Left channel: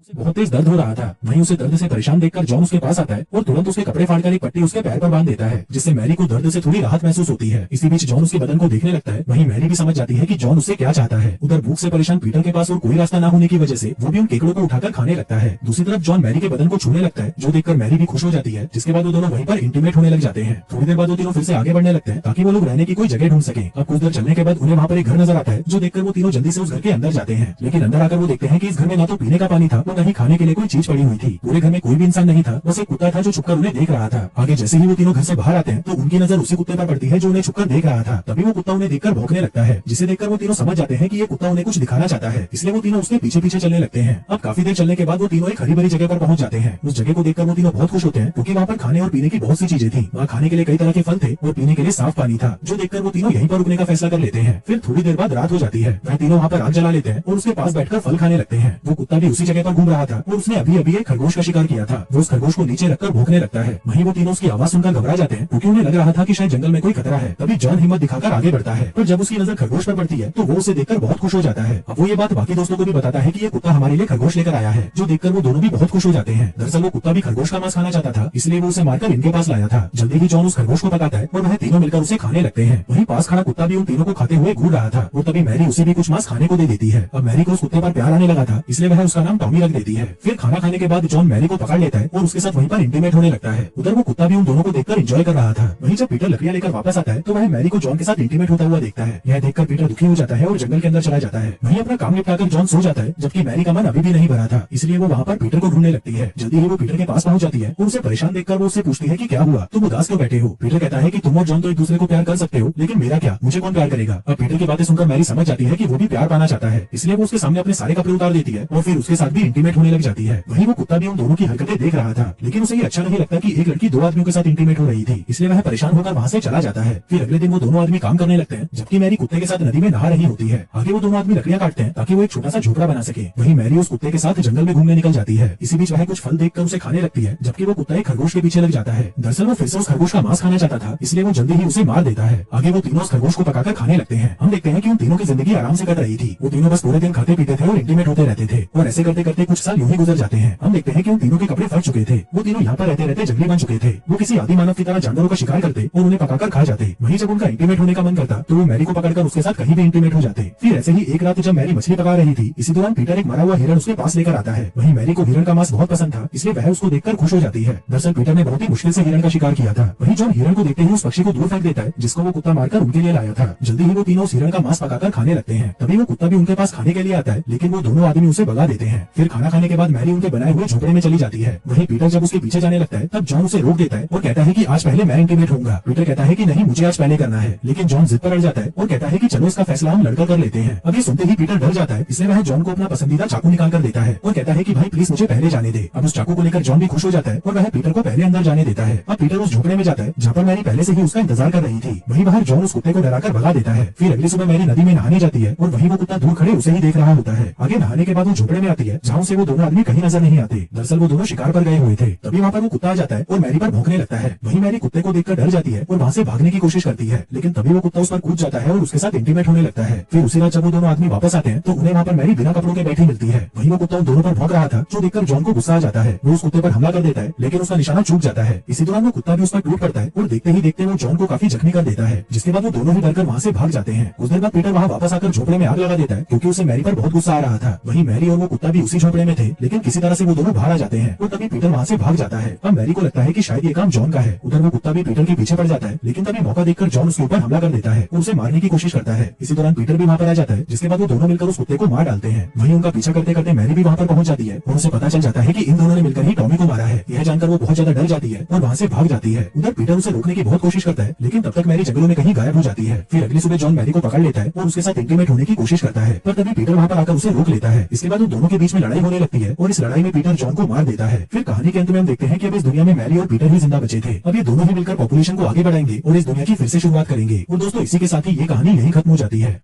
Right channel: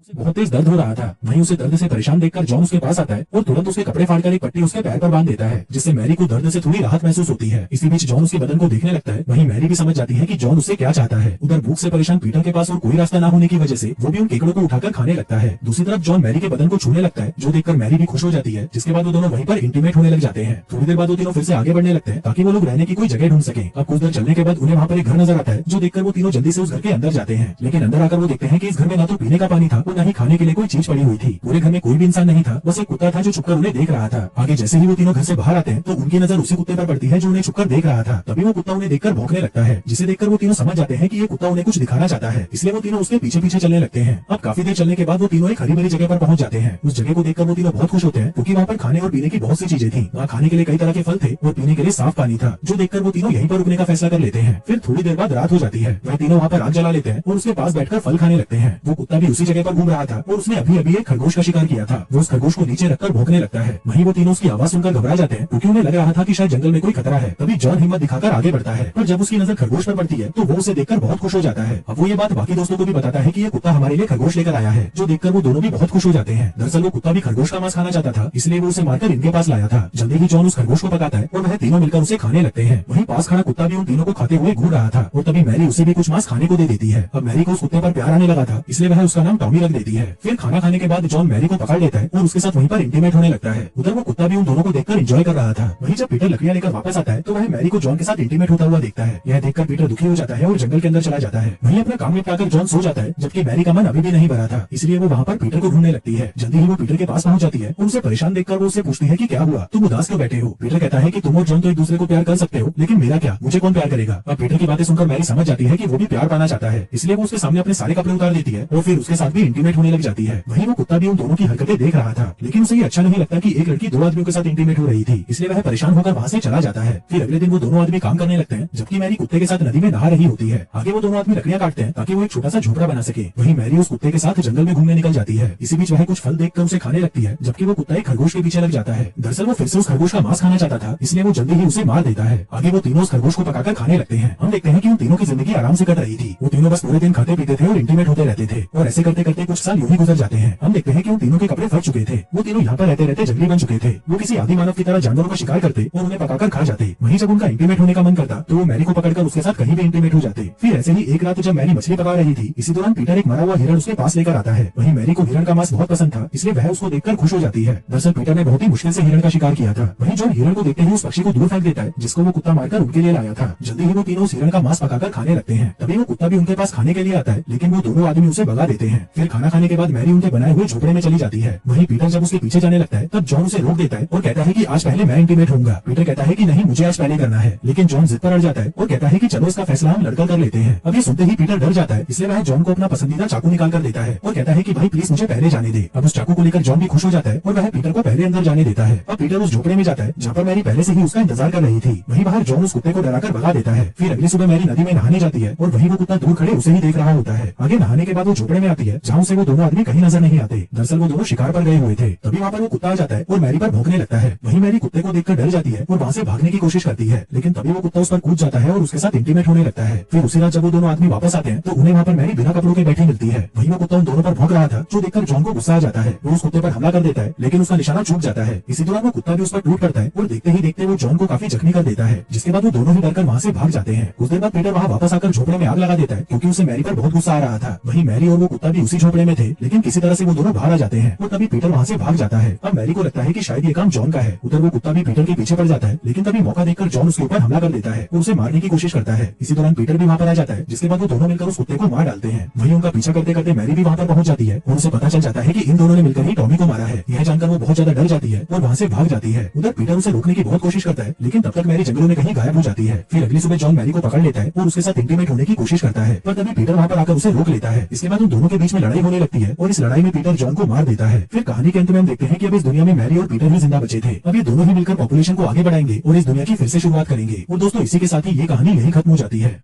उसे बहुत तेज दर्द हो रहा था। वहीं उसे दर्द से परेशान देखकर जॉन उसके पास आता है और तुरंत उसके कपड़े फाड़कर एक पट्टी उसके पैर पर बांध देता है, जिससे मैरी को दर्द से थोड़ी राहत महसूस होती है। इसी बीच जॉन उसके बदन को देखने लगता है। वहीं मैरी भी समझ जाती है कि जॉन उससे क्या चाहता है। उधर भूख से परेशान पीटर के पास और कोई रास्ता न होने की वजह से वो भी उन केकड़ों को उठाकर खाने लगता है। दूसरी तरफ जॉन मैरी के बदन को छूने लगता है, जो देखकर मैरी भी खुश हो जाती है। जिसके बाद वो दोनों वहीं पर इंटीमेट होने लग जाते हैं। थोड़ी देर बाद वो तीनों फिर से आगे बढ़ने लगते हैं ताकि वो लोग रहने की कोई जगह ढूंढ सके। अब कुछ देर चलने के बाद उन्हें वहाँ पर एक घर नजर आता है, जो देखकर वो तीनों जल्दी से उस घर के अंदर जाते हैं। लेकिन अंदर आकर वो देखते हैं कि इस घर में ना तो पीने का पानी था और न ही खाने के लिए कोई चीज पड़ी हुई थी। पूरे घर में कोई भी इंसान नहीं था, बस एक कुत्ता था जो छुपकर उन्हें देख रहा था। आगे जैसे ही वो तीनों घर से बाहर आते हैं तो उनकी नजर उसी कुत्ते पर पड़ती है जो उन्हें छुपकर देख रहा था। तभी वो कुत्ता उन्हें देखकर भौंकने लगता है, जिसे देखकर वो तीनों समझ जाते हैं कि ये कुत्ता उन्हें कुछ दिखाना चाहता है। इसलिए वो तीनों उसके पीछे पीछे चलने लगते हैं। अब काफी देर चलने के बाद वो तीनों एक हरी भरी जगह पर पहुंच जाते हैं। उस जगह को देखकर वो तीनों बहुत खुश होते हैं, क्योंकि वहाँ पर खाने और पीने की बहुत सी चीजें थी। वहाँ खाने के लिए कई तरह के फल थे और पीने के लिए साफ पानी था, जो देखकर वो तीनों यहीं पर रुकने का फैसला कर लेते हैं। फिर थोड़ी देर बाद रात हो जाती है। वह तीनों वहाँ पर आग जला लेते हैं और उसके पास बैठकर फल खाने लगते हैं। वो कुत्ता भी उसी जगह पर घूम रहा था और उसने अभी अभी एक खरगोश का शिकार किया था। वो उस खरगोश को नीचे रखकर भौंकने लगता है। वहीं वो तीनों उसकी आवाज सुनकर घबरा जाते हैं, क्योंकि उन्हें लग रहा था कि शायद जंगल में कोई खतरा है। तभी जॉन हिम्मत दिखाकर आगे बढ़ता है, पर जब उसकी नजर खरगोश पर पड़ती है तो वो उसे देखकर बहुत खुश हो जाता है। अब वो ये बात बाकी दोस्तों को भी बताता है कि ये कुत्ता हमारे लिए खरगोश लेकर आया है, जो देखकर वो दोनों भी बहुत खुश हो जाते हैं। दरअसल वो कुत्ता भी खरगोश का मांस खाना चाहता था, इसलिए वो उसे मारकर इनके पास लाया था। जल्दी ही जॉन उस खरगोश को पकाता है और वह तीनों मिलकर उसे खाने लगते हैं। वहीं पास खड़ा कुत्ता भी उन तीनों को खाते हुए घूर रहा था और तभी मैरी उसे भी कुछ मांस खाने को दे देती है। अब मैरी को उस कुत्ते पर प्यार आने लगा था, इसलिए वह उसका नाम टॉमी रख देती है। फिर खाना खाने के बाद जॉन मैरी को पकड़ लेता है और उसके साथ वहीं पर इंटीमेट होने लगता है। उधर वो कुत्ता भी उन दोनों को देखकर एंजॉय कर रहा था। वहीं जब पीटर लकड़ियां लेकर वापस आता है तो वह मैरी को जॉन के साथ इंटीमेट होता हुआ देखता है। यह देखकर पीटर दुखी हो जाता है और जंगल के अंदर चला जाता है। वहीं अपना काम निपटाकर जॉन सो जाता है, जबकि मैरी का मन अभी भी नहीं भरा था, इसलिए वो वहाँ पर पीटर को ढूंढने लगती है। जल्दी ही वो पीटर के पास पहुंच जाती है और उसे परेशान देखकर वो उससे पूछती है कि क्या हुआ, तुम उदास क्यों बैठे हो। पीटर कहता है कि तुम और जॉन तो एक दूसरे को प्यार कर सकते हो, लेकिन मेरा क्या, मुझे कौन प्यार करेगा। अब पीटर की बातें सुनकर मैरी समझ जाती है कि वो भी प्यार पाना चाहता है, इसलिए वो उसके सामने अपने सारे कपड़े उतार देती है और फिर उसके साथ भी इंटीमेट होने लग जाती है। वहीं वो कुत्ता भी उन दोनों की हरकतें देख रहा था, लेकिन उसे ये अच्छा नहीं लगता कि एक लड़की दो आदमियों के साथ इंटीमेट हो रही थी, इसलिए वह परेशान होकर वहाँ से चला जाता है। फिर अगले दिन वो दोनों आदमी काम करने लगते हैं, जबकि मैरी कुत्ते के साथ नदी में नहा रही होती है। आगे वो दोनों आदमी लकड़ियां काटते हैं ताकि वो एक छोटा सा झोपड़ा बना सके। वहीं मैरी उस कुत्ते के साथ जंगल में घूमने निकल जाती है। इसी बीच वह कुछ फल देखकर उसे खाने लगती है, जबकि वो कुत्ता एक खरगोश के पीछे लग जाता है। दरअसल वो फिर से उस खरगोश का मांस खाना चाहता था, इसलिए वो जल्दी ही उसे मार देता है। आगे वो तीनों उस खरगोश को पकाकर खाने लगते हैं। हम देखते हैं कि उन तीनों की जिंदगी आराम से कट रही थी। वो तीनों बस पूरे दिन खाते पीते थे और इंटीमेट होते रहते थे, और ऐसे करते करते कुछ साल यूं ही गुजर जाते हैं। हम देखते हैं कि उन तीनों के कपड़े फट चुके थे। वो तीनों यहाँ पर रहते रहते जंगली बन चुके थे। वो किसी आदि मानव की तरह जानवरों का शिकार करते और उन्हें पकाकर खा जाते। वहीं जब उनका इंटीमेट होने का मन करता तो वो मैरी को पकड़कर उसके साथ कहीं भी इंटीमेट हो जाते। फिर ऐसे ही एक रात जब मैरी मछली पका रही थी, इसी दौरान पीटर एक मरा हुआ हिरण उसके पास लेकर आता है। वहीं मैरी को हिरण का मांस बहुत पसंद था, इसलिए वह उसको देखकर खुश हो जाती है। दरअसल पीटर ने बहुत ही मुश्किल से हिरण का शिकार किया था। वहीं जॉन हिरण को देखते ही उस पक्षी को दूर फेंक देता है, जिसको वो कुत्ता मारकर उनके लिए लाया था। जल्दी ही वो तीनों उस हिरण का मांस पकाकर खाने लगते हैं। तभी वो कुत्ता भी उनके पास खाने के लिए आता है, लेकिन वो दोनों आदमी उसे भगा देते हैं। फिर खाना खाने के बाद मैरी उनके बनाए हुए झोपड़े में चली जाती है। वहीं पीटर जब उसके पीछे जाने लगता है तब जॉन उसे रोक देता है और कहता है कि आज पहले मैं इंटीमेट होऊंगा। पीटर कहता है कि नहीं, मुझे आज पहले करना है, लेकिन जॉन जिद पर अड़ जाता है और कहता है कि चलो इसका फैसला हम लड़कर कर लेते हैं। अब ये सुनते ही पीटर डर जाता है, इसलिए वह जॉन को अपना पसंदीदा चाकू निकाल कर देता है और कहता है कि भाई प्लीज मुझे पहले जाने दे। अब उस चाकू को लेकर जॉन भी खुश हो जाता है और वह पीटर को पहले अंदर जाने देता है। अब पीटर उस झोपड़े में जाता है जहाँ पर मैरी पहले से ही उसका इंतजार कर रही थी। वहीं बाहर जॉन उस कुत्ते को डराकर भगा देता है। फिर अगली सुबह मैरी नदी में नहाने जाती है और वहीं वो कुत्ता दूर खड़े उसे ही देख रहा होता है। आगे नहाने के बाद वो झोपड़े में आती है, जहाँ से वो दोनों आदमी कहीं नजर नहीं आते। दरअसल वो दोनों शिकार पर गए हुए थे। तभी वहाँ पर वो कुत्ता आ जाता है और मैरी पर भौंकने लगता है। वहीं मैरी कुत्ते को देखकर डर जाती है और वहाँ से भागने की कोशिश करती है, लेकिन तभी वो कुत्ता उस पर कूद जाता है और उसके साथ इंटीमेट होने लगता है। फिर उसी रात जब वो दोनों आदमी वापस आते हैं तो उन्हें वहाँ पर मैरी बिना कपड़ों के बैठी मिलती है। वहीं वो कुत्ता उन दोनों पर भौंक रहा था, जो देखकर जॉन को गुस्सा आ जाता है। वो उस कुत्ते पर हमला कर देता है, लेकिन उसका निशाना चूक जाता है। इसी दौरान वो कुत्ता भी उस पर टूट पड़ता है और देखते ही देखते वो जॉन को काफी जख्मी कर देता है, जिसके बाद वो दोनों ही डरकर वहाँ से भाग जाते हैं। कुछ देर बाद पीटर वहाँ वापस आकर झोपड़े में आग लगा देता है, क्योंकि उसे मैरी पर बहुत गुस्सा आ रहा था। वहीं मैरी और वो कुत्ता भी उसी झोपड़े में थे, लेकिन किसी तरह से वो दोनों बाहर आ जाते हैं और तभी पीटर वहाँ से भाग जाता है। अब मैरी को लगता है कि शायद ये काम जॉन का है। उधर वो कुत्ता भी पीटर के पीछे पड़ जाता है, लेकिन तभी मौका देखकर जॉन उसके ऊपर हमला कर देता है और उसे मारने की कोशिश करता है। इसी दौरान पीटर भी वहाँ पर आ जाता है, जिसके बाद वो दोनों मिलकर उस कुत्ते को मार डालते हैं। वहीं उनका पीछा करते करते मैरी भी वहाँ पर पहुंच जाती है और उसे पता चल जाता है कि इन दोनों ने मिलकर ही टॉमी को मारा है। यह जानकर वो बहुत ज्यादा डर जाती है और वहाँ से भाग जाती है। उधर पीटर उसे रोकने की बहुत कोशिश करता है, लेकिन तब तक मैरी जंगलों में कहीं गायब हो जाती है। फिर अगली सुबह जॉन मैरी को पकड़ लेता है और उसके साथ इंटीमेट होने की कोशिश करता है, पर तभी पीटर वहाँ पर आकर उसे रोक लेता है। इसके बाद उन दोनों के बीच में लड़ाई होने लगती है और इस लड़ाई में पीटर जॉन को मार देता है। फिर कहानी के अंत में हम देखते हैं कि अब इस दुनिया में मैरी और पीटर ही जिंदा बचे थे। अब ये दोनों ही मिलकर पॉपुलेशन को आगे बढ़ाएंगे और इस दुनिया की फिर से शुरुआत करेंगे। और दोस्तों इसी के साथ ही ये कहानी यही खत्म हो जाती है।